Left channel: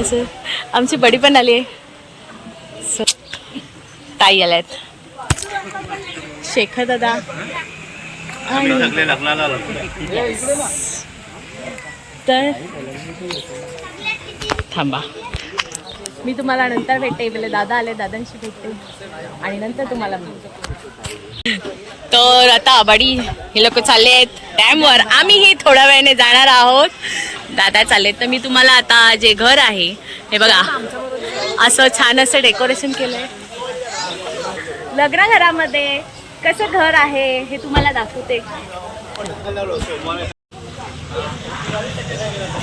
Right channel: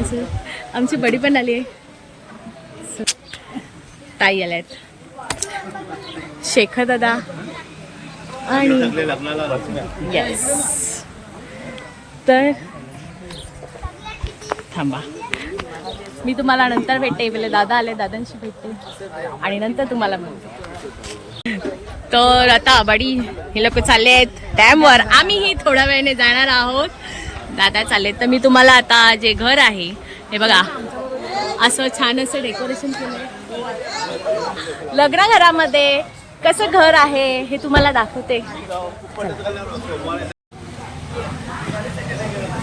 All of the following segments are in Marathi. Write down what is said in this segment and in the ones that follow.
असं आमची बडी पण आली आहे. ताई आल्यात. शेखर दादा. आणि येस तर थांबा. मी तुम्हाला नंतर भेटते. पहिले दादा आले दादांशी भेटते. आणि नंतर तुम्हाला म्हणते तर आता आबाडी हे लोक चालले आहेत. डॅमवर आम्हीही थोड्या वेळाने जाणार आहोत. दादा चालले तर मी तुम्हाला आता जे घर आहे हे बघा. असं छान असं डेकोरेशन केलंय. लग्न घरामध्ये कसं घर आहे हे तुम्हाला दाखवते.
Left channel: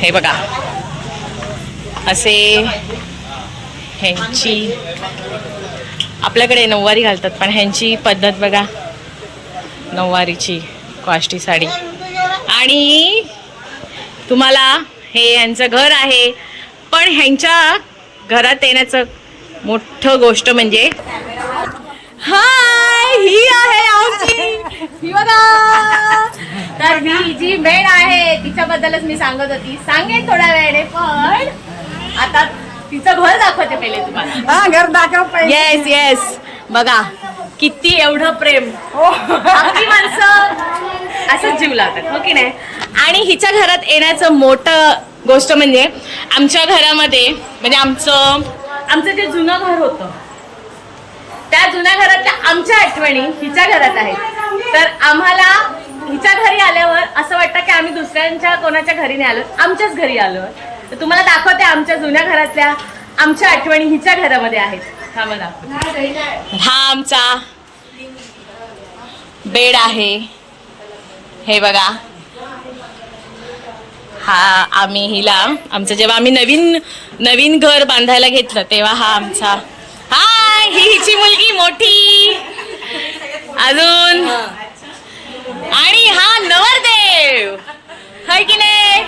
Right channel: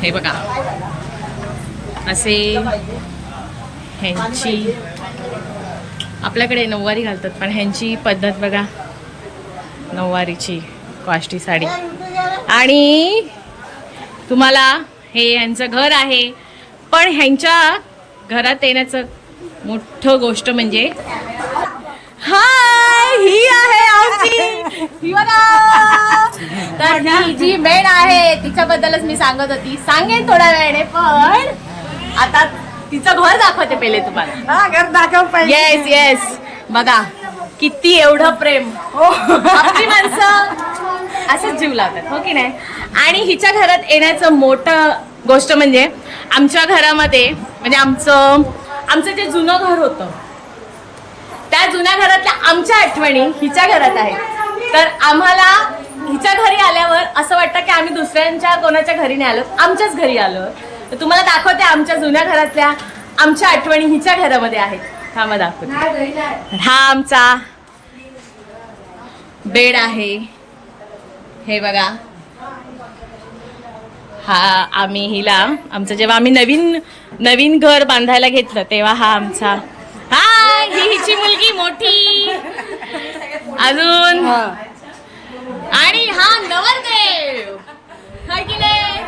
हे बघा. असे ह्यांची आपल्याकडे नऊवारी घालतात पण ह्यांची पद्धत बघा. नऊवारीची कॉस्टी साडी. आणि तुम्हाला हे यांचं घर आहे. पण ह्यांच्या घरात येण्याचं मोठं गोष्ट म्हणजे हाय ही आहे आमची ही. तर ही जी मेण आहे तिच्याबद्दलच मी सांगत होती. सांगेन थोड्या वेळाने पण आता तिचं घर दाखवते पहिले तुम्हाला. घर दाखव येस येस बघा किती एवढं प्रेम. आपली माणसं असंच जीव लावतात हो की नाही? आणि हिच्या घरात येण्याचं मोठं गोष्ट म्हणजे आमच्या घरामध्ये म्हणजे आमचं आमचं जे जुनं घर होतं त्या जुन्या घरातल्या आमच्या आठवणी हिच्या घरात आहेत. तर आम्हाला हिच्या घरी आल्यावर असं वाटतं की आम्ही दुसऱ्यांच्या कोणाच्या घरी नाही आलो आमच्याच घरी आलो तर तुम्हाला दाखवते आमच्या जुन्या घरातल्या आमच्या आठवणी हिच्या घरामध्ये आहेत. हा मग दाखवते. हा आमचा बेड आहे. हे बघा. हा आम्ही हिला आमचं जेव्हा आम्ही नवीन नवीन घर बांधायला घेतलं तेव्हा हा आमचा. हाय ही हिची मुलगी मोठी. अजून. आणि हा नवरदेव. हाय की नाही?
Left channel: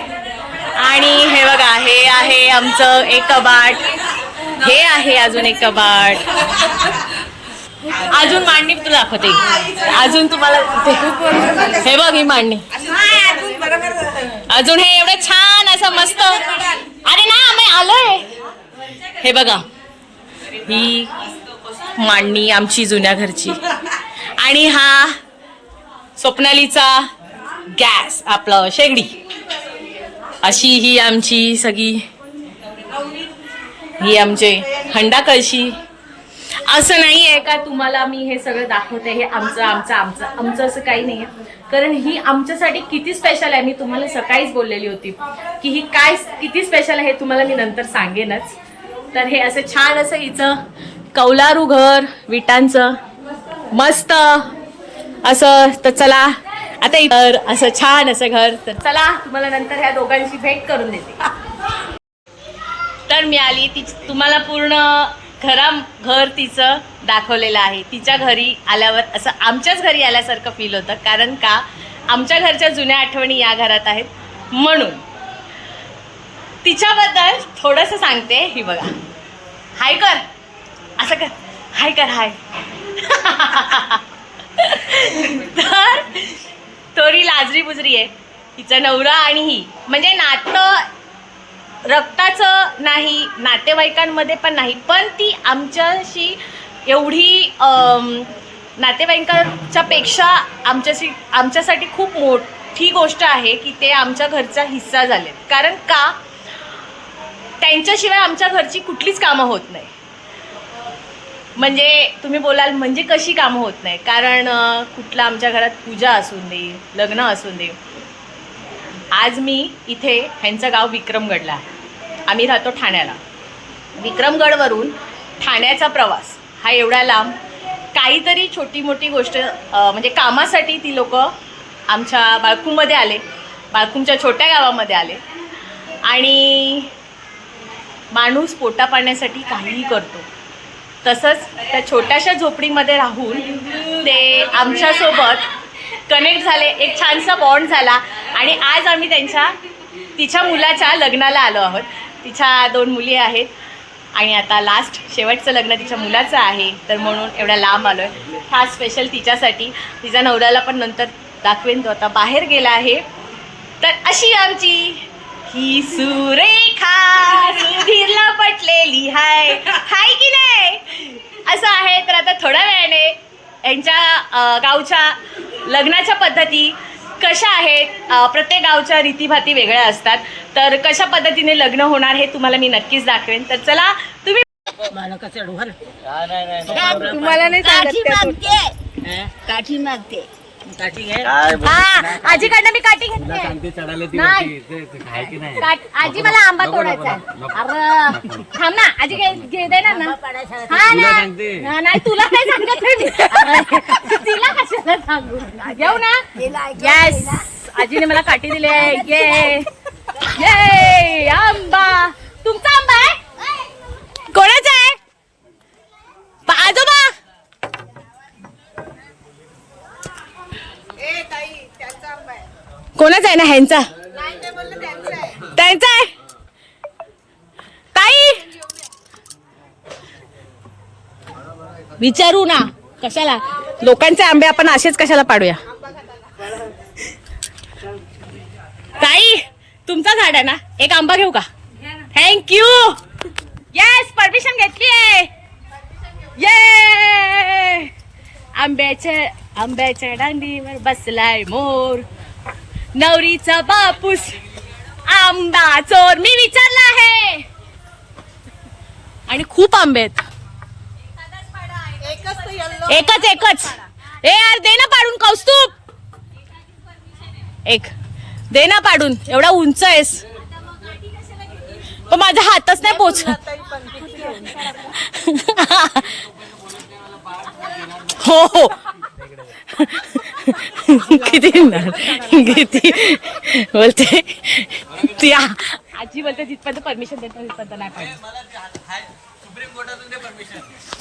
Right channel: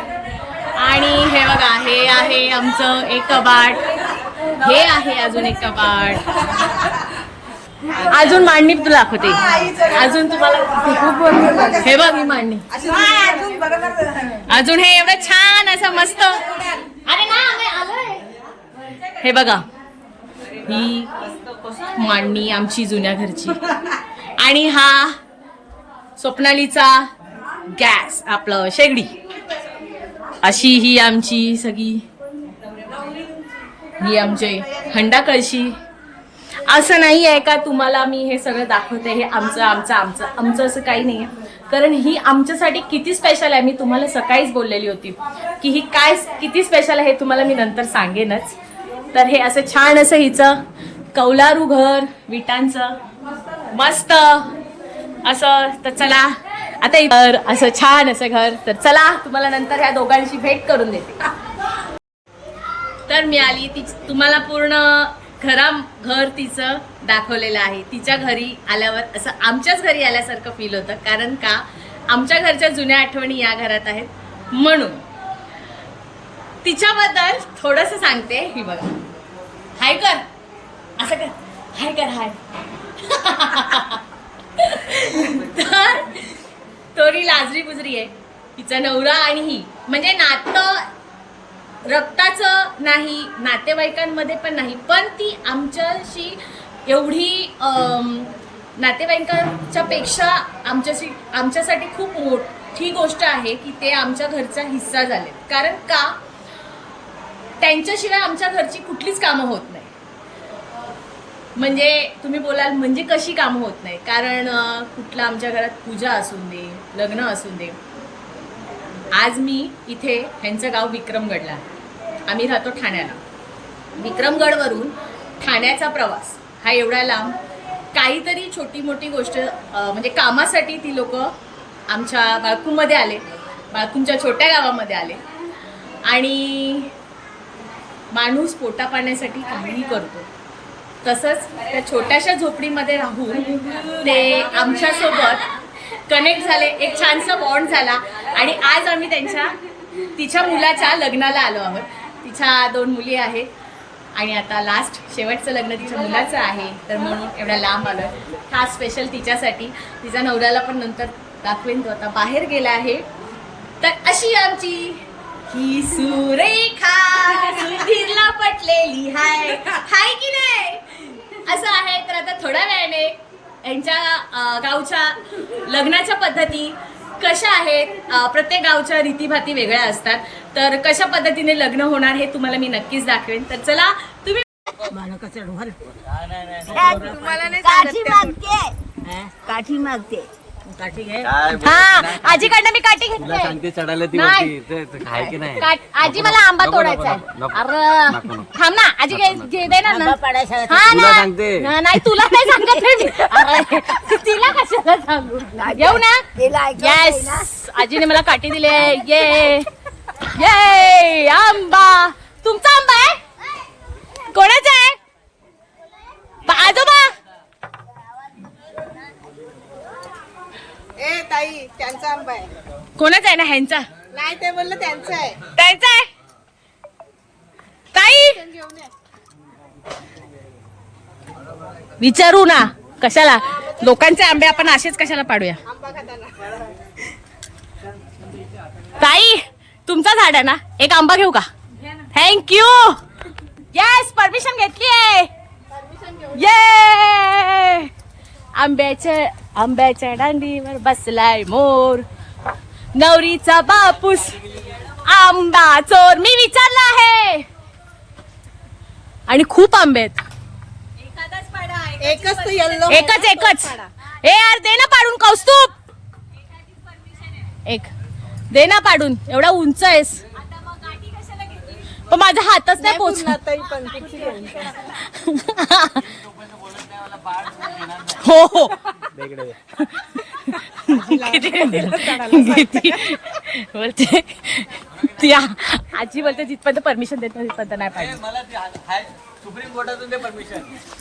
आणि हे बघा हे आहे आमचं एक कबाट हे आहे अजून एक कबाट अजून मांडणी तुला दाखवते अजून तुम्हाला हे बघ ही मांडणी. अजून हे एवढं छान असं मस्त. अरे ना आम्ही आलोय. हे बघा. ही मांडणी आमची जुन्या घरची. आणि हा स्वप्नालीचा गॅस आपलं शेगडी. अशी ही आमची सगळी ही आमचे हंडा कळशी असं नाही आहे का तुम्हाला मी हे सगळं दाखवते हे आमचं आमचं आमचं आमचं असं काही नाही आहे. कारण ही आमच्यासाठी किती स्पेशल आहे मी तुम्हाला सकाळीच बोललेली होती की ही काय किती स्पेशल आहे हे तुम्हाला मी नंतर सांगेनच. तर हे असं छान असं हिचं कौलारू घर विटांचं मस्त. असं तर चला आता इतर असं छान असं घर. तर चला तुम्हाला नंतर ह्या दोघांशी भेट करून देते. तर मी आली ती तुम्हाला पूर्ण घरा घर तिचं दाखवलेलं आहे. तिच्या घरी आल्यावर असं आमच्याच घरी आल्यासारखं फील होतं. कारण का? आमच्या घरच्या जुन्या आठवणी या घरात आहेत. म्हणून तिच्याबद्दल थोडंसं सांगते ही बघा. हाय कर. असं कर. हाय कर हाय. तर तोरी लाजरी बुजरी आहे. तिचा नवरा आणि ही. म्हणजे नातं रक्ताचं नाही नातेवाईकांमध्ये पण नाही पण ती आमच्याशी एवढी नातेवाईकांच्या पेक्षा आमच्याशी आमच्यासाठी खूप मोठी गोष्ट आहे की ते आमच्या घरचा हिस्सा झालेत. कारण का? त्यांच्याशिवाय आमच्या घरची कुठलीच कामं होत नाही. म्हणजे तुम्ही बोलाल म्हणजे कशी कामं होत नाही? कारण कुठला आमच्या घरात पूजा असून दे लग्न असून दे आज मी इथे ह्यांचं गाव विक्रमगडला आहे. आम्ही राहतो ठाण्याला. विक्रमगडवरून ठाण्याचा प्रवास हा एवढा लांब. काहीतरी छोटी मोठी गोष्ट म्हणजे कामासाठी ती लोक आमच्या बाळकूमध्ये आले बाळकूमच्या छोट्या गावामध्ये आले. आणि माणूस पोटा पाण्यासाठी काहीही करतो. तसंच त्या छोट्याशा झोपडीमध्ये राहून ते आमच्यासोबत कनेक्ट झाले एक छानसा बॉन्ड झाला. आणि आज आम्ही त्यांच्या तिच्या मुलाच्या लग्नाला आलो आहोत. तिच्या दोन मुली आहेत. आणि आता लास्ट शेवटचं लग्न तिच्या मुलाचं आहे. तर म्हणून एवढ्या लांब आलो आहे खास स्पेशल तिच्यासाठी. तिच्या नवऱ्याला पण नंतर दाखवेन तो आता बाहेर गेला आहे. तर अशी आमची ही सुरेखा सुधीरला पटलेली हाय. हाय की नाही? असं आहे. तर आता थोड्या यांच्या गावच्या लग्नाच्या पद्धती कशा आहेत? प्रत्येक गावच्या रीतीभाती वेगळ्या असतात. तर कशा पद्धतीने लग्न होणार हे तुम्हाला मी नक्कीच दाखवेन. तर चला तुम्ही तुम्हाला नाही काठी मागते. काठी मागते. आजीकडनं मी काठी तुला घेतली सांगते चढायला ती नाही. वरती. ते- ते खाय की नाही? काट- आजी मला आंबा नको, तोडायचा नको, आहे. नको. अरे नको. थांब ना आजी घे घे देणार ना हा तुला ना. सांगते. ना- नाही तुला नाही सांगत आहे मी. अरे, तिला कशाला सांगू? घेऊ ना. येस आजीने मला काठी दिली आहे. ये ये आंबा. तुमचा आंबा आहे? कोणाचा आहे? पा- आजोबा ए ताई त्यांचा आंबा आहे कोणाचा आहे ना ह्यांचा? नाही ते बोललं त्यांचं आहे. त्यांचा आहे? ताई? विचारू ना कशाला? लोकांचे आंबे आपण असेच कशाला पाडूया? ताई तुमचा झाड आहे ना? एक आंबा घेऊ का? थँक्यू येस परमिशन घेतली आहे. ये आंब्याच्या आंब्याच्या दांडीवर बसलाय मोर. नवरीचा बापूस आंबा चोर मी विचारला आहे. आणि खूप आंबे आहेत. एकच एकच ए यार दे ना पाडून कौस्तुभ. एक. दे ना पाडून एवढा उंच आहेस. पण माझ्या हातच नाही पोच हो हो. किती किती बोलते? ती आजी बोलते जिथपर्यंत परमिशन देते तिथपर्यंत नाही पाहिजे.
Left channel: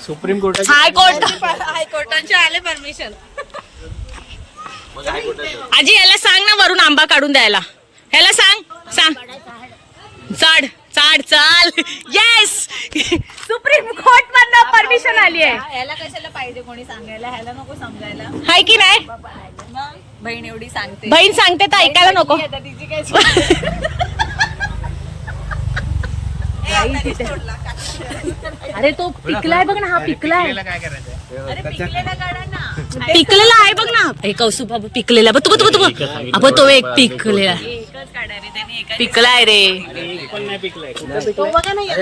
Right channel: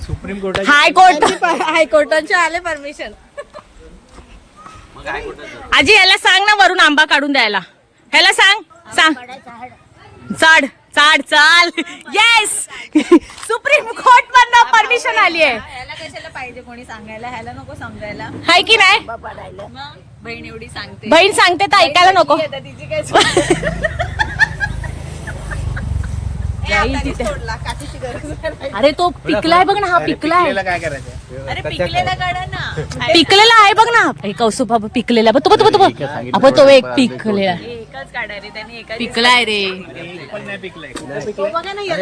सुप्रीम कोर्टाची हायकोर्ट हायकोर्टाचे आले परमिशन आजी याला सांग ना वरून आंबा काढून द्यायला. ह्याला सांग सांग. चाड चाड चाल. येस सुप्रीम कोर्ट मधनं परमिशन आली आहे. ह्याला कशाला पाहिजे कोणी सांगायला? ह्याला नको समजायला. हाय की नाही? मग बहीण एवढी सांगते. बहीण सांगते तर ऐकायला नको. आता तिची काय जाईल तिथे. अरे तो पिकलाय बघ ना हा पिकलाय. अरे पिकलेला काढा ना. पिकलेला आहे बघ ना. हे कौसुभ बाबा पिकलेला. बघ तो बघ तो बघ तो बघ. अबो तो एक पिकलेला. पिकलाय रे.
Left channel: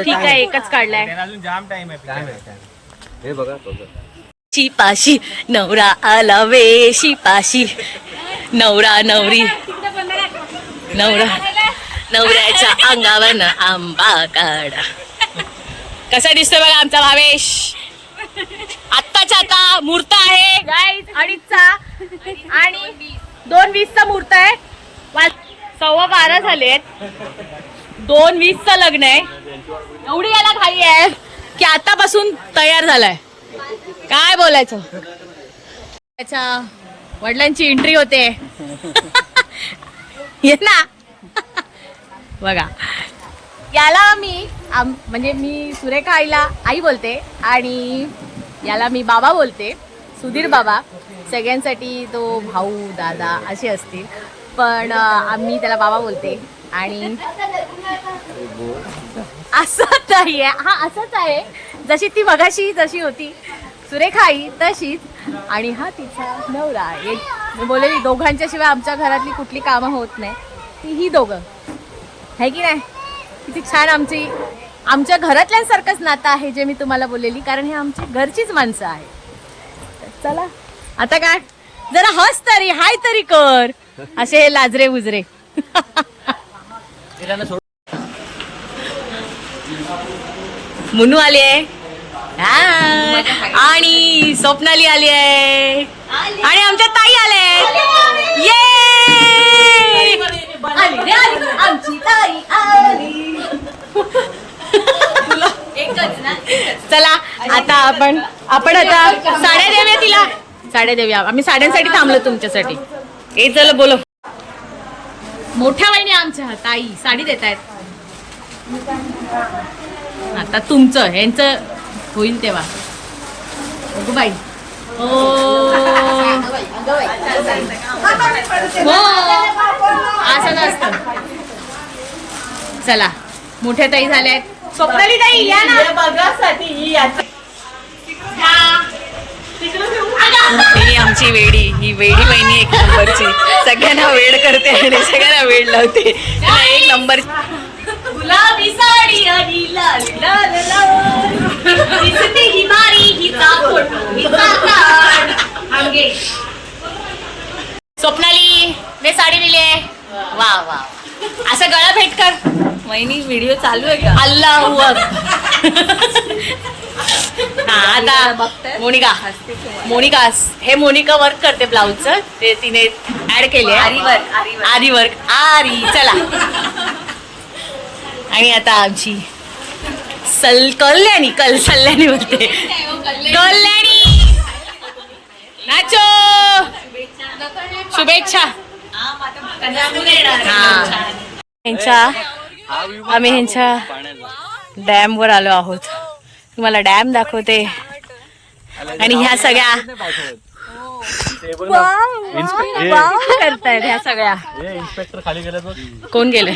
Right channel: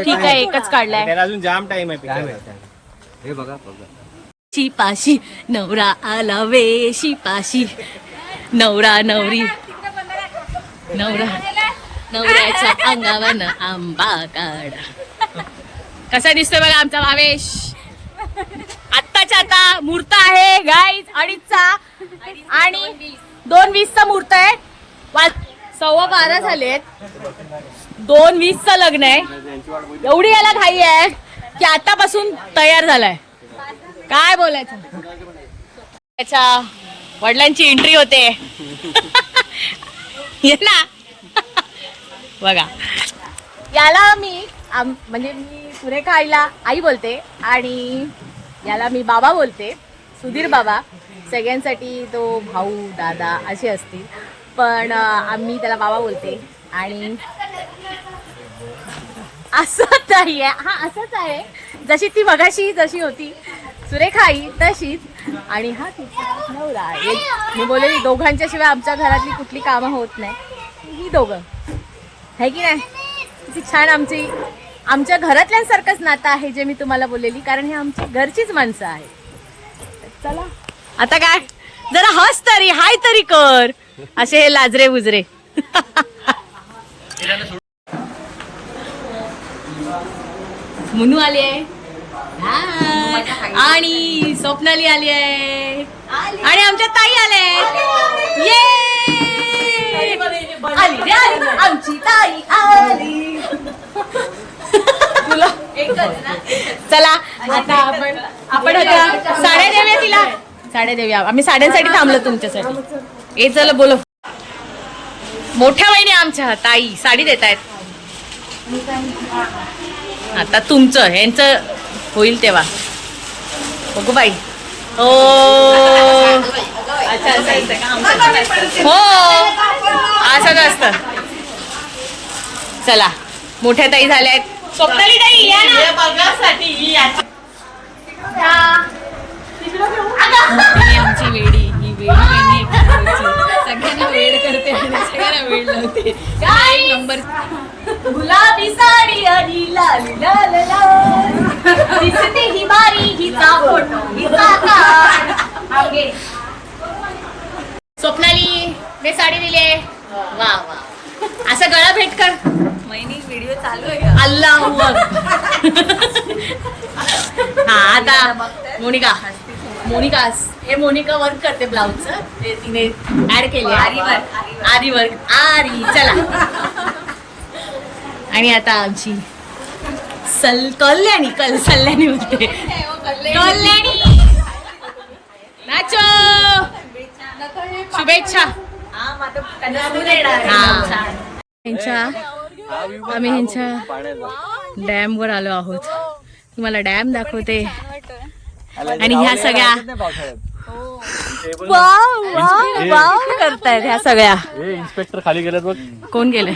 ठीक आहे एकच काढलाय. अजून जाम टाइम आहे. हे बघा शिपाशी नवरा आला वे शिपाशी नवरा नवरी. नवरा नवऱ्याच्या अंगावर आंबा काढा. कसा दिसतोय बघा आमचा भावेश? आत्ताच्या आता मूर्त आहे गाईज अडीचचा आणि दोन वीसचा मूर्त आहे. वा- सव्वा बारा झालेत. दोन वीसचं लग्न आहे. एवढी याला घाई आहे की आतापासून तयार झालाय. काय बोलायचं? त्याच्या वडिलांची एंट्री होते. ये ना. बघा. याला मी आम म्हणजे मी सुरेखा आईला आई बोलते आणि याला मी बाबा बोलते. सुधीर बाबा. सगळ्यांसाठी तो भाऊ दादा असे असतील. पण आम्ही त्याला बाबा बोलते. आणि असं आहे. हा असंच आहे. जशी ती मगाशी जशी होती. सुरेखाई तशीच. आणि हा तिचा नवरा आहे. मी बोललेली दोघांच्या शिवाय आमच्या घरातली कुठली कामं होत नाही. ती ही दोघं. है की नाही? किती छान आमची आमच्या घरातल्यांसारखंच नातं आहे जे मी तुम्हाला बोललेली कारण हे आमची घरचीच माणसं आहेत. तर चला. आता काय? जरा हस तरी हाय तरी कर. असे हे लाजरे बुजरे. मुनू आली आहे. आणि स्वप्नाली आली आहे. आणि आमच्या ताई आले ये. आली रे आली आमची ताई आली. तुला चला आता आपण आपण आता साड्या देऊया तिला. साड्या देऊया. आम्ही साड्यांसाठी थांबलो तुमच्यासाठी. ए चला बोलो मोठ्या वहिनी आमच्या ताई साडी देत आहेत आता तुमचं यांचं होईल तेव्हा. बघू बाई. ओ. हो. असंच असतं. चला. मोठ्या ताई झाल्या आहेत स्वप्नाली ताई या ना. ही आमची वेडी ही वेडी बहिणी एक नंबरची. सगळ्यांना वेड करते आणि सगळ्यांना वेड लावते. तिला एक नंबर गुलाबी साडी आणि लाल लाल लाल. दिसते ही बारी हिचा फोटो हिचा काढ. थांब घे. स्वप्नाली ने साडी दिली आहे. वा वा असं गळा भेट कर. वहिनी व्हिडिओ चालू आहे का? अल्लाहू हा आता मोनिका. मोनिका हे मोनिका वर्क करते ब्लाऊजचं ते तिने ऍड केले आरी work, आरी वर्क आरी चला. आणि आता आमची सल कल्याणी कल सल्याणी बोलते. कल्याणी! नाचो! शुभेच्छा. हा. यांच्या आम्ही ह्यांच्या डॅम वर आलो आहोत. तुम्हाला डॅम दाखवते. आणि ह्या सगळ्या वाव, वाव, वाव करतायत ह्या सगळ्या. इन्स्पेक्टर खाली गेले बघ. कोण गेले?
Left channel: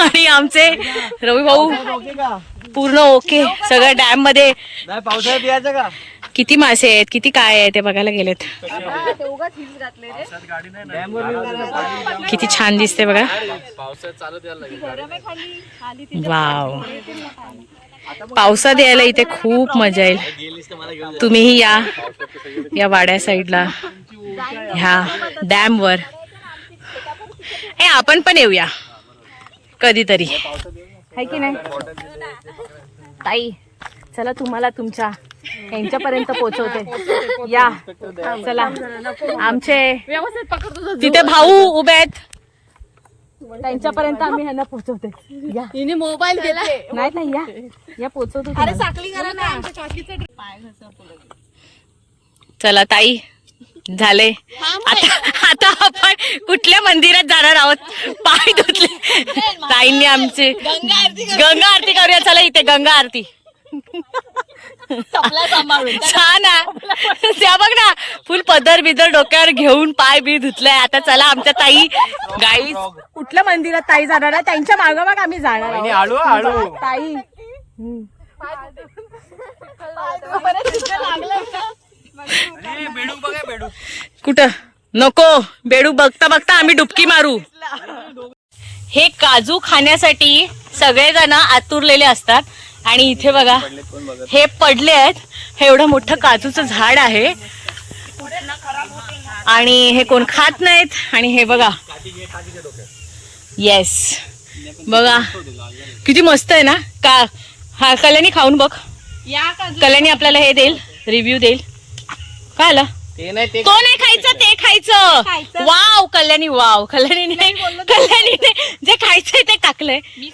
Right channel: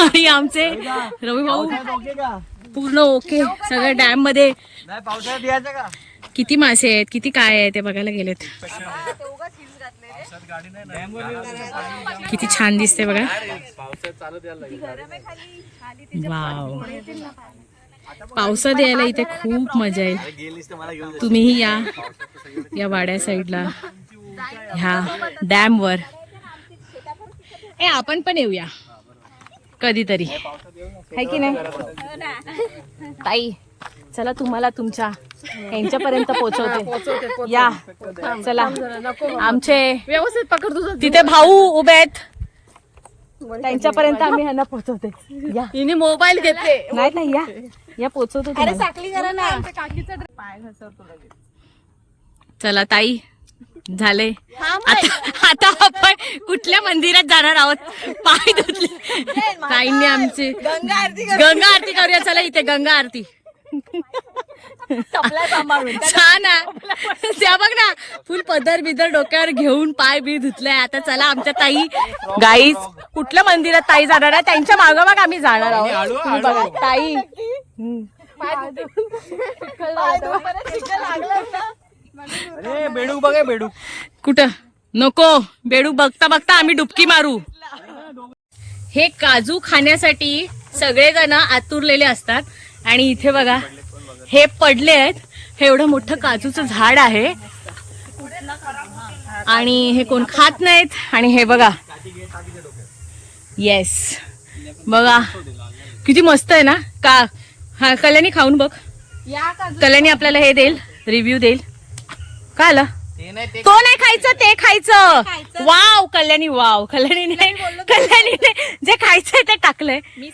आणि आमचे रवी भाऊ पूर्ण ओके. सगळं डॅममध्ये नाही पावसाळ्यात यायचं का? किती मासे आहेत किती काय आहे ते बघायला गेलेत. किती छान दिसते बघा. वाव. पावसात यायला इथे खूप मजा येईल. तुम्हीही या या वाड्या साईडला ह्या डॅम वर ए आपण पण येऊया कधीतरी. आहे की नाही? ताई चला तुम्हाला तुमच्या यांच्यापर्यंत पोहोचवते या चला. आमचे व्यवस्थित पकड तुझं. तिथे भाऊ उभे आहेत. त्यांच्यापर्यंत आम्ही ह्यांना पोहोचवते. या. हिने मोबाईल घेतले. नाही नाही या. या पोहोचवतो अरे. साखळी करा ना. चला ताई. झाले. आता आता आपण कुठल्या मंदिरात जाणार आहोत? पाय धुतले. ताईंनी आमची गंगा आरती करूया. चला इथे गंगा आरती. छान आहे. त्या बघ ना फुल पदर बिदर डोक्यावर घेऊन पाय बी धुतलाय. आता चला आमच्या ताई गाईस कुठल्या मंदिरात ताई जाणार आहे? त्यांच्या मागं मग आम्ही जाणार आहोत. बघा. ताई. हम्म. बेडूक बघा बेडूक कुठं? नको. बेडू बघता बघता आम्ही डुबकी मारू. हे काजू खाण्यासाठी सगळेजण आतुरलेले असतात. आणि इथे बघा हे पडले आहेत. हे एवढं मोठं काजूचं झाड आहे. आणि हे कोण खात नाहीत. आणि हे बघा. येस बघा. किती मस्त आहे ना? का हा कल्याणी खाऊन बघ. कल्याणी आपल्याला हे देईल रिव्ह्यू देईल. काय आलं? ते नाही ते तो नाही खायचं ते खायचं. वाव कल्याणी वाव कल्याणीने कल्याणीने जे खायचंय ते टाकलंय. मी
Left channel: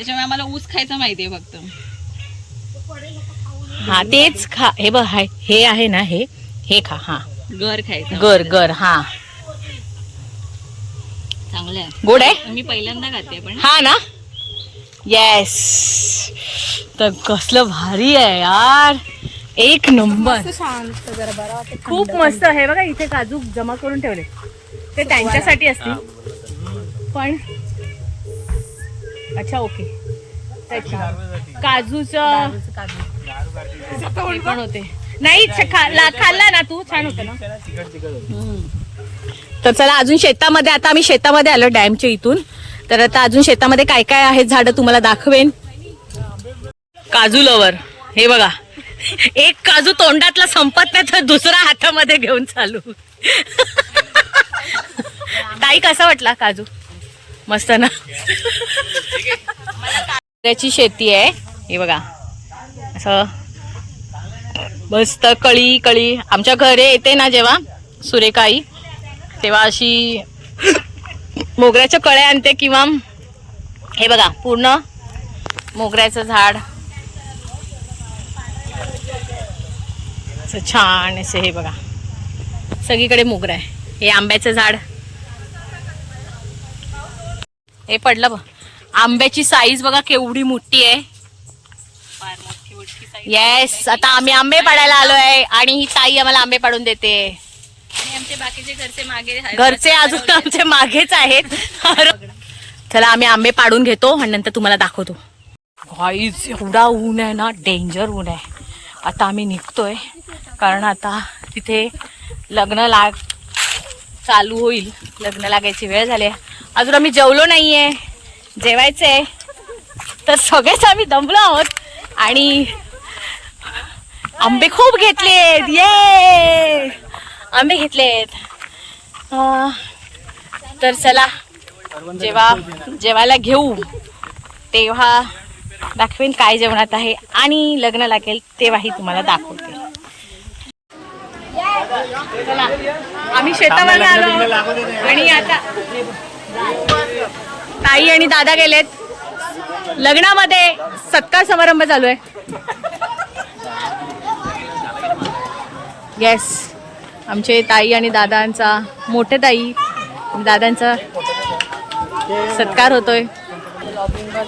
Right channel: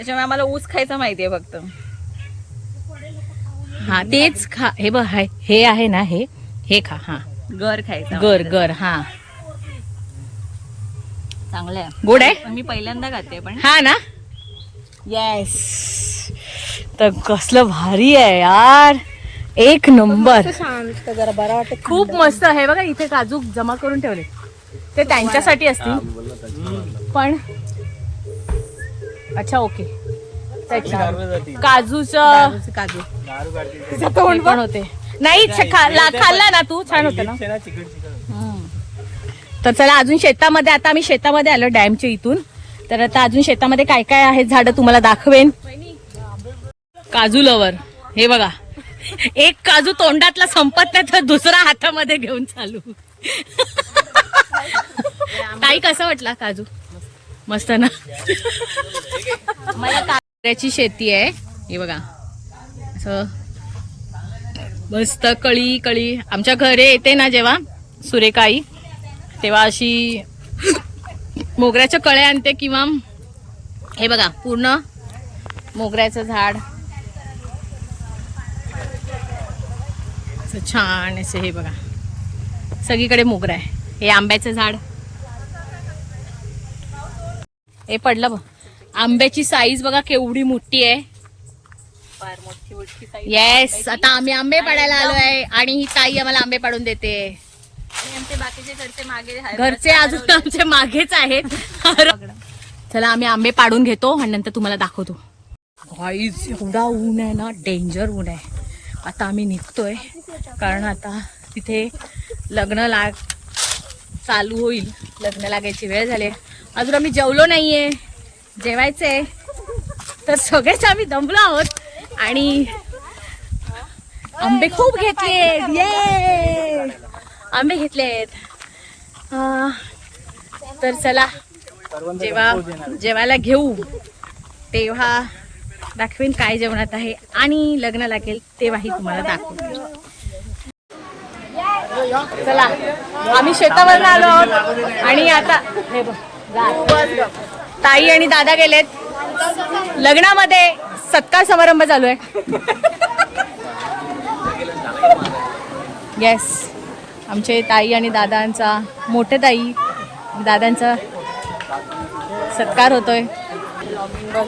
त्याच्यामुळे आम्हाला ऊस खायचं माहितीये फक्त. हा तेच खा. हे बघ हाय हे आहे ना हे हे खा हा. घर खायचं गर गर हा. चांगलं आहे गोड आहे? मी पहिल्यांदा खाते पण. हा ना? येस तर कसलं भारी आहे यार. एक नंबर. शांत जरा बरा वाटत खूप मस्त आहे. बघा इथे काजू जमा करून ठेवले ते त्यांच्यासाठी असतील. पण अच्छा ओके त्याच्या. काजूचं हे पण होते. नाही खाल्ला ना तू? छान होतं ना? तर चला अजून शेतामध्ये आता आम्ही शेतामध्ये आलो डॅमच्या इथून. तर आता अजून शेतामध्ये काय काय आहेत झाडं तुम्हाला दाखवेन. काजू लवर हे बघा. एक काजू तोंडातला संपत नाही तर दुसरा हातामध्ये घेऊन चालू. ताई कसा वाटला काजू? मस्त ना. त्याची शेती आहे. हे बघा. असं. मस्त कळी कळी. आमच्या घरी येते ना जेव्हा सुरेखाई तेव्हा अशी मोगऱ्याच्या कळ्या आणते किंवा हे बघा पूर्ण मोगऱ्याचं झाड. असं छान असं हे बघा. सगळीकडे मोगरा आहे. हे आंब्याचं झाड. हे पडलं बघ. आंब्याची साईज बघा केवढी मोठी आहे. येस आता आम्ही आंबे पाडायला आलोय आणि ही ताई आम्हाला आंबे पाडून देते. आणि आमचे बाकीचे घरचे मागे घरचे अजून आमचे मागेच आहेत. चला आम्ही आंबे पाडून घेतो आणि नंतर तुम्हाला दाखवतो. गाईज एवढा ऊन आहे ना डेंजर ऊन आहे. आता आम्ही निघतोय कारण आता तिथे लग्न लाग चालू होईल. लग्न लागायची वेळ झाली आहे. अजून आम्ही जेवलो नाही आहे जेवायचं आहे तर सगळेच आम्ही दमलो आहोत. आणि आंबे खूप घेतलेत. ये आंबे घेतलेत. आहेत तर चला जेव्हा जेवायला घेऊ. तेव्हा दाखवेन काय जेवणात आहे आणि लग्न लागेल तेव्हाही तुम्हाला दाखवते. चला. आम्ही शेतावर आलो आहोत. आणि आता ताई आणि दादा गेलेत. लग्नामध्ये सत्कार समारंभ चालू आहे. येस आमचे ताई आणि दादांचा मोठे ताई दादांचा सत्कार होतोय.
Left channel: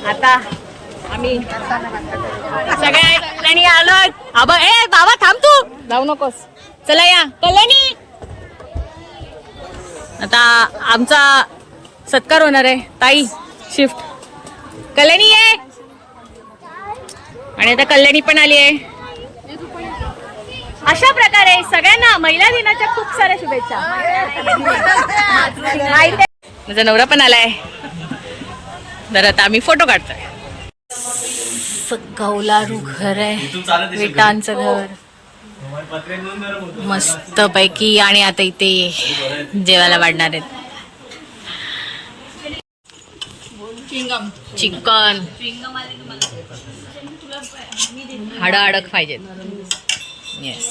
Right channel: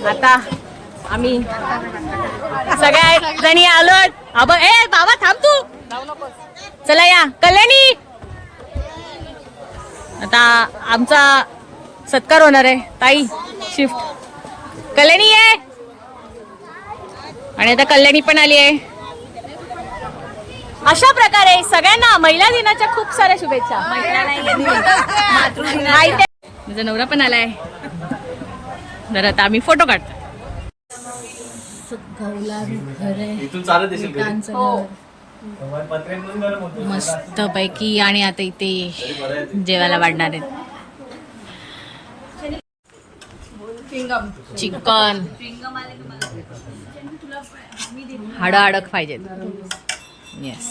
आता आम्ही सगळ्या जणी आलो आबा ए बाबा थांब तू. जाऊ नकोस. चला या. कल्याणी! आता आमचा सत्कार होणार आहे. ताई शिफ्ट कल्याणी आहे आणि आता कल्याणी पण आली आहे. अशा प्रकारे सगळ्यांना महिला दिनाच्या खूप साऱ्या शुभेच्छा. माहिती माझा नवरा पण आलाय. तर आता आम्ही फोटो काढतोय. गौलारू घर आहे. विटांचं घर. मस्त पैकी आणि आता इथे जेवायला वाढणार आहेत. चिकन. हाड अडक पाहिजेत. येस